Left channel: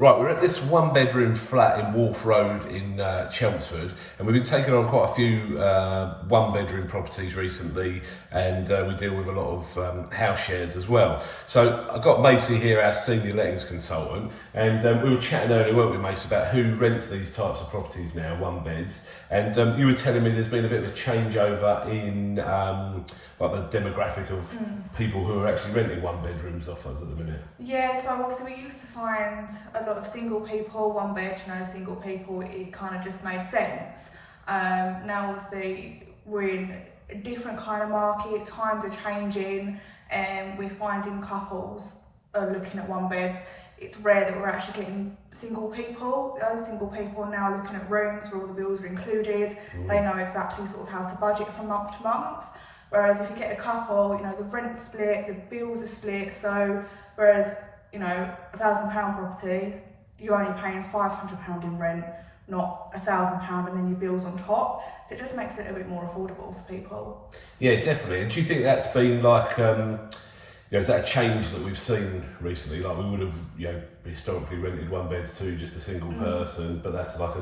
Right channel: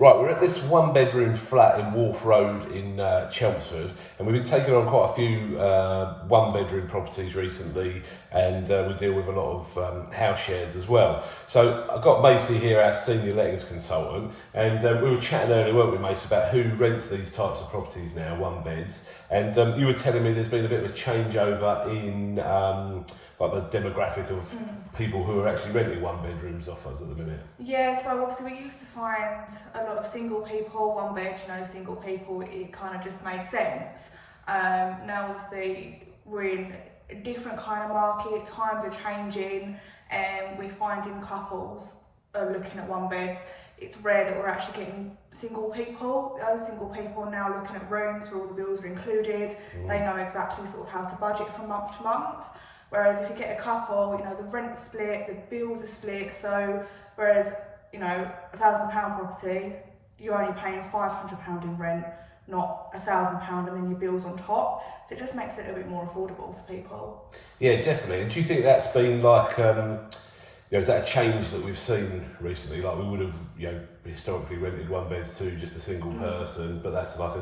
Right, we're at this one-bedroom flat in Wharf Road in Chelmsford, and we've been taking on quite a few one-bedroom properties recently, and we deal with a lot of house shares as well. So I've got Mace here, our senior lettings consultant, and we were chatting earlier, weren't we, Mace, about who rents these types of properties now, one-beds, and you were telling me there's been a bit of a changeover in like the demographic of people who are actually renting one-bedrooms off us at the minute. Yeah, so obviously we used to find a lot of single people, one bed, single people, it kind of just made sense. Now obviously we're in a different kind of market, times are changing, and we're finding couples are looking at one beds. It's rare that we're actually getting single people. Those single people are now looking at rooms where all the bills are included. They know exactly sort of how to budget from month to month. Whereas if you get a couple, the rent's split, the bills are split. So whereas, £1,000 property, you're only paying £500 in rent, not £1,000 and then your bills on top. So it just makes it a bit more affordable for people. Yeah, definitely. And do you think that's been like, is that a change that we've seen recently? Like we would have, historically rented one beds to just a single person, but that's like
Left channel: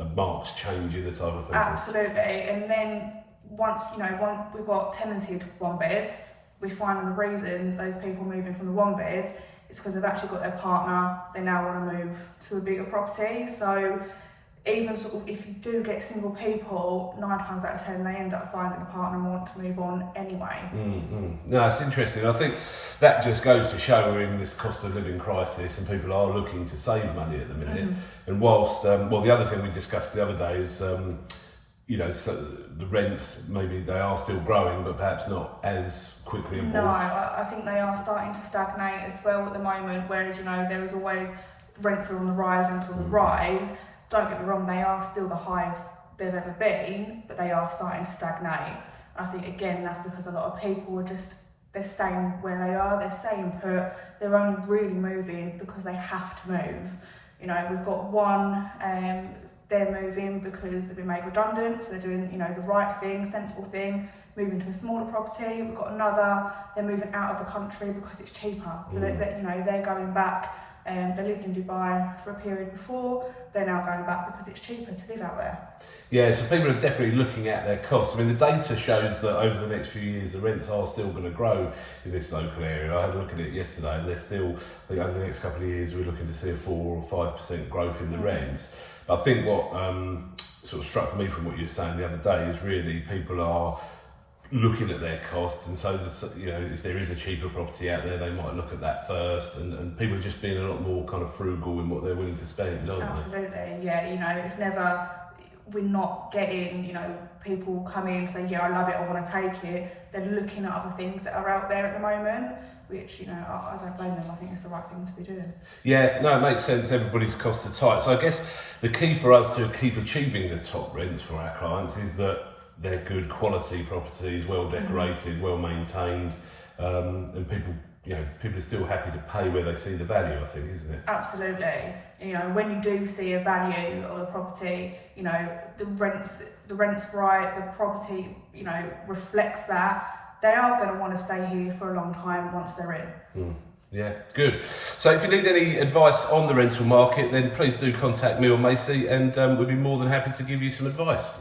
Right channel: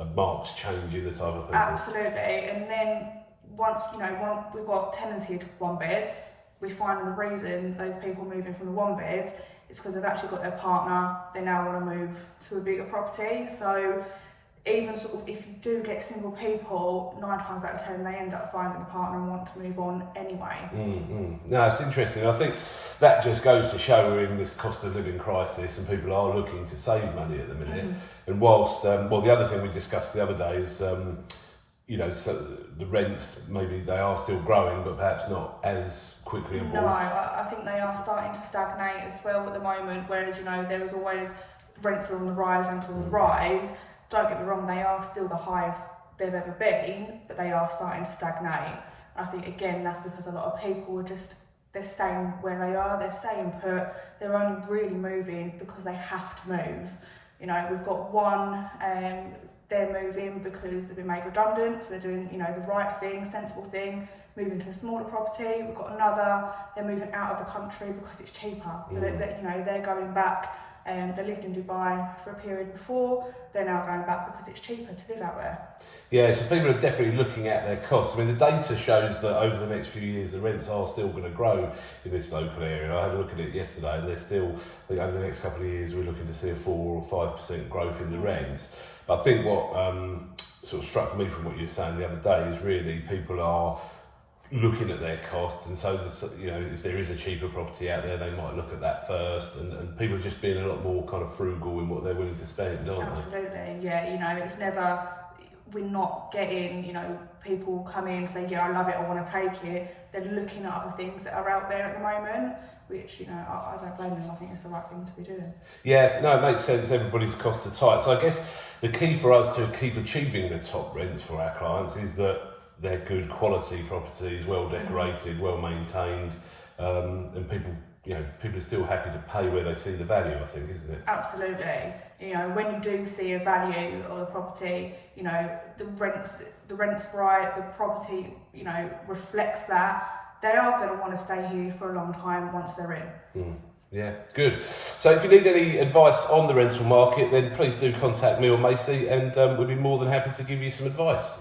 a marked change in the type of people. Absolutely. And then once we've got tenanted one beds, we find the reason those people moving from the one bed is because they've actually got their partner, they now want to move to a bigger property. So even sort of if you do get single people, 9 times out of 10 they end up finding a partner and want to move on anyway. No, it's interesting. I think that just goes to show we're in this cost of living crisis and people are looking to save money at the minute. And whilst, the other thing we discussed the other day is, so the rents, maybe they are still growing, but perhaps not as quickly and No, I think they are starting to stagnate as well at the moment, whereas, there was always rents are on the rise, rents on the rise. Don't get me wrong, they are still the highest they've ever been, but they are starting to stagnate. I think, again, that's because a lot of people are they're staying where they are, they're staying put, they're only really moving because they have to move. We've got one, they're moving because they've been made redundant, so they're doing, the right thing, sensible thing, moving to a smaller property. We've got another, they're moving out of the country because it's cheaper. So they're going back. They lived in Dubai for a period before, they're now going back because it's cheaper to live out there. Yeah, so people are definitely looking at their costs. I mean, the data shows that over the next few years, the rents are still going to grow in this local area. I had a look at it yesterday, and they're still, I think over the next couple of years, we're looking to see a 4 or 5% growth in the rents. I think what sort of struck me from what you were saying the other day is really people are looking at their costs, and so if there is a cheaper property out there, they might look at that first, and people are just being a lot more kind of frugal in what they're willing to spend, aren't they? Absolutely, yeah. It's never, we're not getting people come in and say, yeah, I love it, I want to take it. They're looking at other things that are out there at the moment, which I don't blame them. I think it's the right thing to be doing. Yeah, no, it makes sense. Everybody's costs are tight, so I guess the key for us to keep achieving the top rents for our clients is that they're good quality properties, well decorated, well maintained, and people are still happy to pay where they see the value, I think, isn't it? Absolutely. When you do see a value of the property, the rent's right, the property, reflects that, they are going to want to stay here for a long time once they're in. Yeah, good. So if you need any advice on the rental market, then please do contact me or Macy, and we'd be more than happy to give you some advice.